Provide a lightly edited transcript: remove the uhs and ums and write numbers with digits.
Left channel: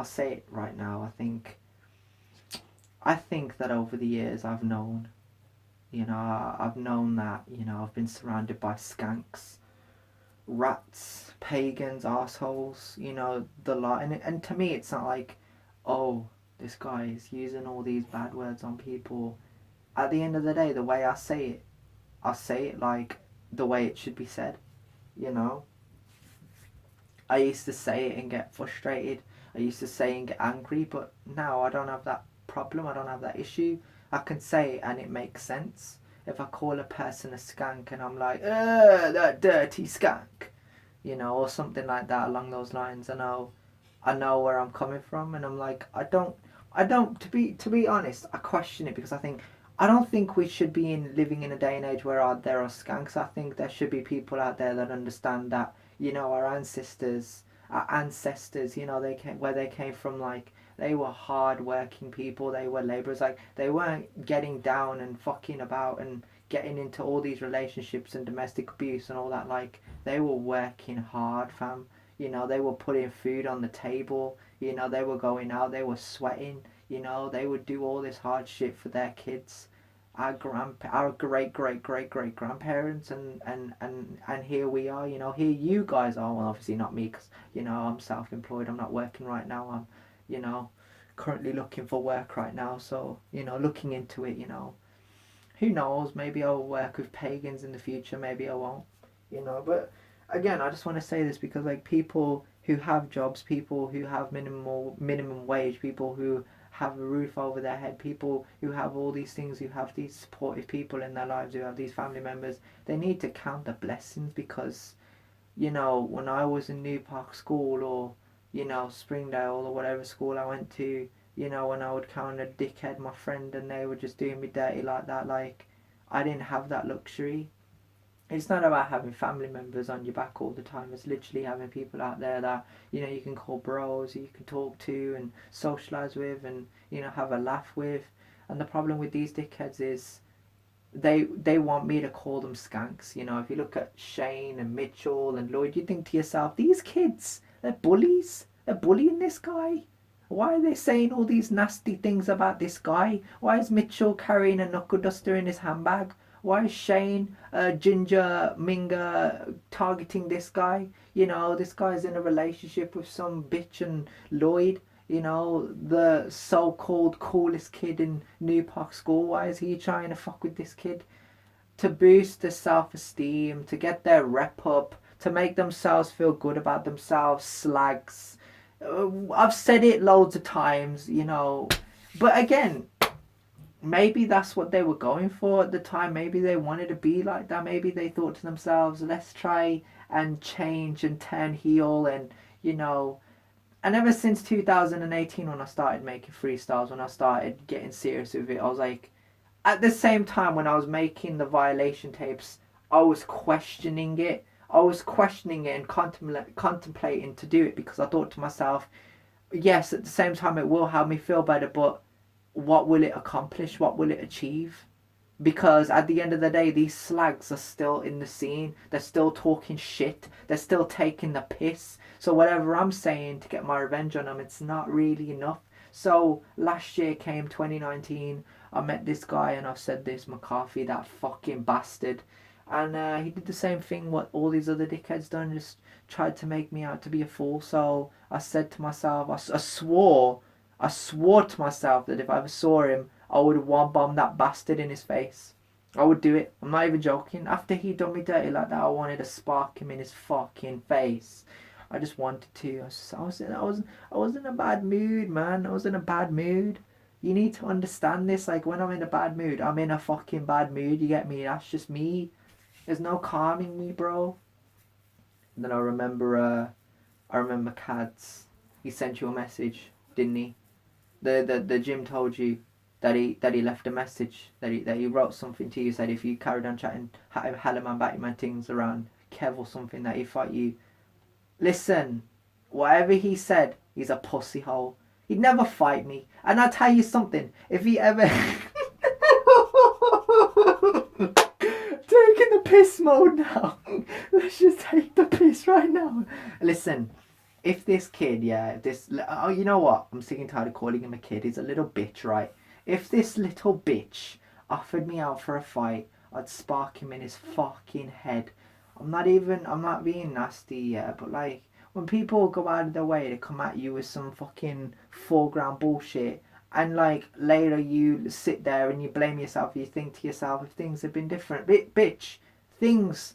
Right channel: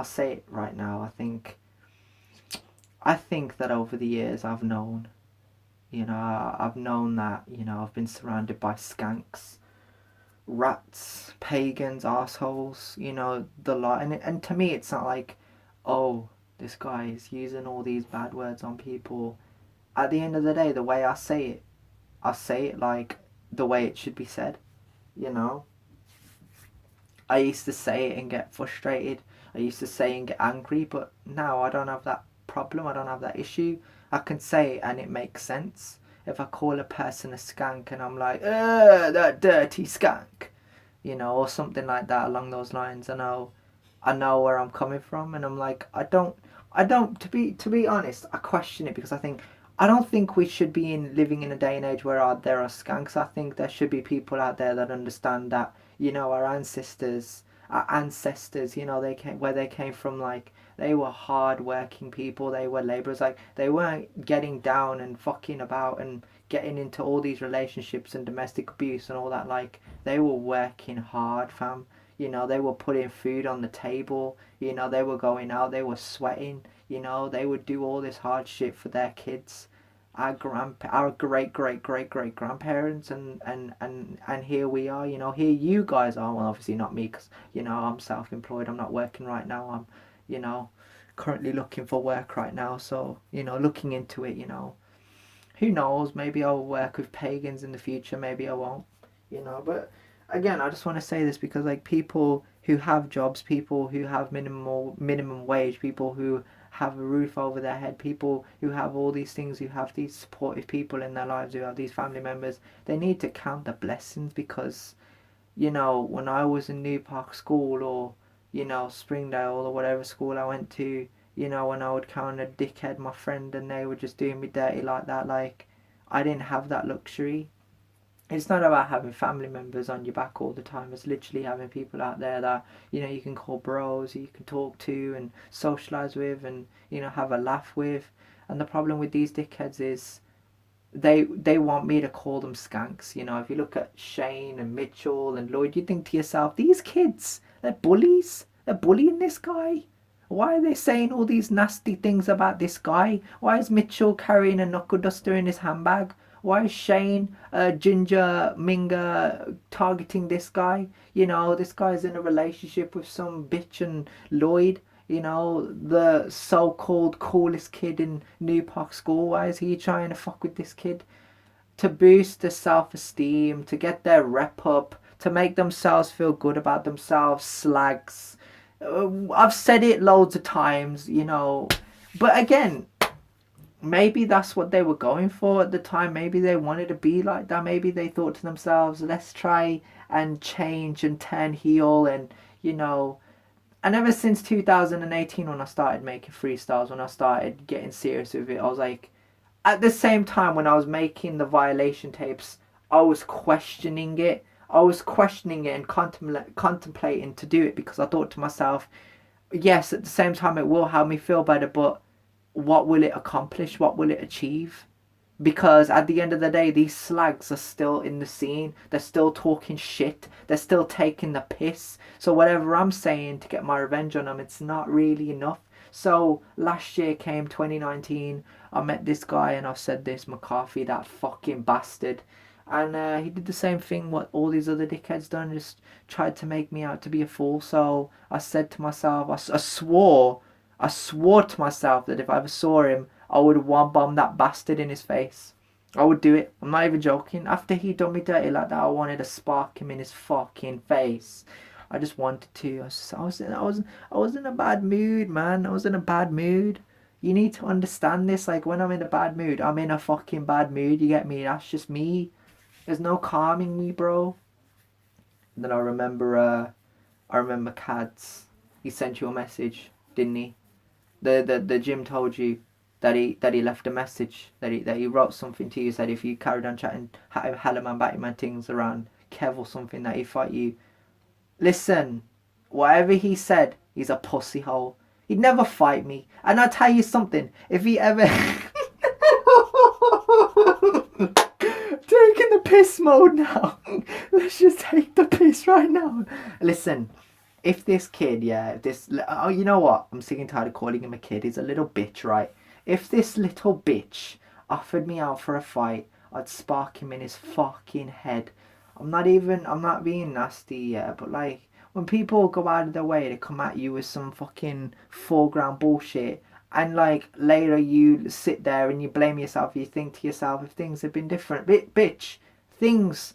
I'll say it right now. I think that over the years I've known, I've known that, I've been surrounded by skanks, rats, pagans, assholes, the lot. And to me, it's not like, oh, this guy is using all these bad words on people. At the end of the day, the way I say it like the way it should be said, you know? I used to say it and get frustrated. I used to say and get angry, but now I don't have that problem. I don't have that issue. I can say it and it makes sense. If I call a person a skank and I'm like, that dirty skank, or something like that along those lines, I know where I'm coming from, and I'm like, I don't. To be honest, I question it because I don't think we should be living in a day and age where there are skanks. I think there should be people out there that understand that our ancestors, where they came from, like they were hard working people, they were laborers, like they weren't getting down and fucking about and getting into all these relationships and domestic abuse and all that. Like they were working hard, fam. They were putting food on the table. They were going out, they were sweating. They would do all this hard shit for their kids. Our great grandparents, and here we are. Here you guys are. Well, obviously not me, because I'm self-employed. I'm not working right now. I'm you know currently looking for work right now. So looking into it. Who knows? Maybe I'll work with pagans in the future. Maybe I won't. But again, I just want to say this because, like, people who have jobs, people who have minimum wage, people who have a roof over their head, people who have all these things, who have these supportive people in their lives, who have these family members, they need to count the blessings. Because when I was in New Park School, or Springdale, or whatever school I went to, when I would count a dickhead, my friend, and they were just doing me dirty like that, like I didn't have that luxury. It's not about having family members on your back all the time. It's literally having people out there that you can call bros, you can talk to and socialize with, and have a laugh with. And the problem with these dickheads is they want me to call them skanks. If you look at Shane and Mitchell and Lloyd, you think to yourself, these kids, they're bullies. They're bullying this guy. Why are they saying all these nasty things about this guy? Why is Mitchell carrying a knuckle duster in his handbag? Why is Shane, Ginger, Minga targeting this guy? This guy's in a relationship with some bitch, and Lloyd, the so-called coolest kid in New Park School. Why is he trying to fuck with this kid? To boost their self-esteem, to get their rep up, to make themselves feel good about themselves, slags. I've said it loads of times, but again, maybe that's what they were going for at the time. Maybe they wanted to be like that. Maybe they thought to themselves, let's try and change and turn heel. And ever since 2018, when I started making freestyles, when I started getting serious with it, I was like, at the same time when I was making the Violation tapes, I was questioning it. I was questioning it and contemplating to do it, because I thought to myself, yes, at the same time it will help me feel better, but what will it accomplish? What will it achieve? Because at the end of the day, these slags are still in the scene. They're still talking shit. They're still taking the piss. So whatever I'm saying to get my revenge on them, it's not really enough. So last year came 2019. I met this guy, and I've said this, McCarthy, that fucking bastard. And he did the same thing what all these other dickheads done, just tried to make me out to be a fool. So I said to myself, I swore to myself that if I ever saw him, I would one bomb that bastard in his face. I would do it. I'm not even joking. After he done me dirty like that, I wanted to spark him in his fucking face. I just wanted to. I was in a bad mood, man. I was in a bad mood. You need to understand this. Like, when I'm in a bad mood, I'm in a fucking bad mood. You get me? That's just me. There's no calming me, bro. And then I remember Cads. He sent you a message, didn't he? The gym told you that he left a message, that he wrote something to you, said if you carried on chatting hella man batty man things around Kev or something, that he'd fight you. Listen, whatever he said, he's a pussy hole. He'd never fight me. And I'll tell you something, if he ever taking the piss mode now. Let's just take the piss right now. Listen, if this kid, yeah, oh, you know what? I'm sick and tired of calling him a kid. He's a little bitch, right? If this little bitch offered me out for a fight, I'd spark him in his fucking head. I'm not being nasty, yeah, but like, when people go out of their way to come at you with some fucking foreground bullshit, and like later you sit there and you blame yourself, you think to yourself, if things had been different, bitch, things